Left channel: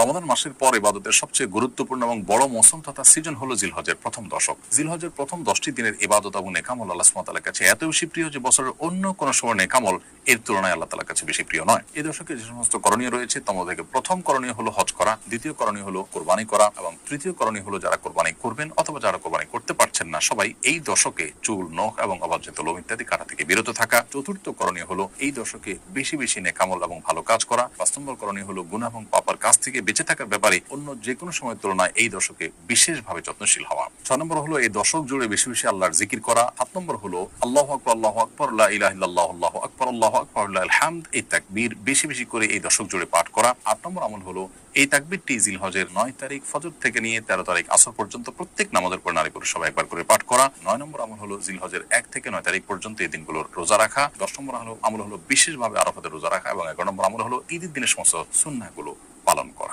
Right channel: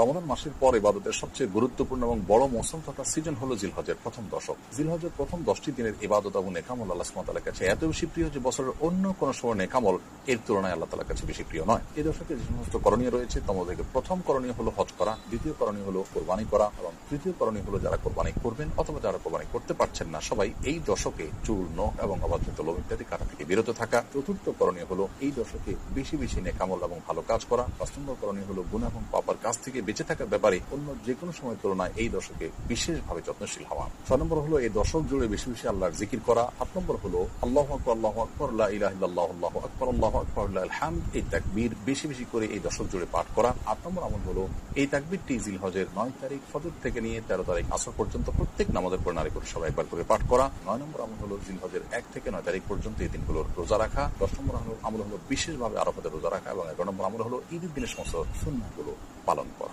রমাদান মাসের পর ইবাদতের সবচেয়ে গুরুত্বপূর্ণ এবং বড় মৌসুম তথা সিজন হলো জিলহজের প্রথম দশক। জিলহজের প্রথম 10টি দিনের ইবাদত এবং নেকামল আল্লাহ সুবহানাহু ওয়া তাআলার কাছে এত বেশি প্রিয় যে বছরের অন্য কোনো সময় নেকামল এর তুলনায় আল্লাহ তাআলার কাছে বেশি প্রিয় নয়। এই দশকে যে সমস্ত করণীয় রয়েছে তার মধ্যে প্রথম করণীয় হলো হজ করা, দ্বিতীয় করণীয় হলো কোরবানি করা এবং তৃতীয় করণীয় হলো যারা কোরবানি করবেন অথবা যারা কোরবানি করতে পারছেন না সবাই এই দশকে চুল, নখ এবং অবাঞ্ছিত লোম ইত্যাদি কাটা থেকে বিরত থাকা। চতুর্থ করণীয় হলো এই দশকে বেশি বেশি নেকামল এবং ভালো কাজ করা। 5 নম্বর করণীয় হলো গুনাহ এবং পাপার কাজ থেকে বেঁচে থাকার ব্যাপারে অন্য যে কোনো সময়ের তুলনায় এই দশকে বিশেষভাবে যত্নশীল হওয়া। 6 নম্বর হলো এই দশক জুড়ে বেশি বেশি আল্লাহর জিকির করা। 7 নম্বর হলো আল্লাহু আকবার, লা ইলাহা ইল্লাল্লাহ, আল্লাহু আকবার, লিল্লাহিল হামদ, এই তাকবীর বেশি বেশি করে এই দশক জুড়ে পাঠ করা। 8 নম্বর আমল হলো এই তাকবীরটি জিলহজের 9 তারিখ ফজর থেকে নিয়ে 13 তারিখ আসর পর্যন্ত প্রত্যেক নামাজের পর নারী পুরুষ সবাই একবার করে পাঠ করা। 9 নম্বর আমল হলো জিলহজের 1 থেকে 9 তারিখ পর্যন্ত এই দিনগুলোর রোজা রাখা। 10 নম্বর আমল হলো বিশেষভাবে আরাফাতের রোজা রাখা এবং 11 নম্বর আমল হলো ঈদের দিনের সমস্ত সুন্নাহগুলো পালন করা।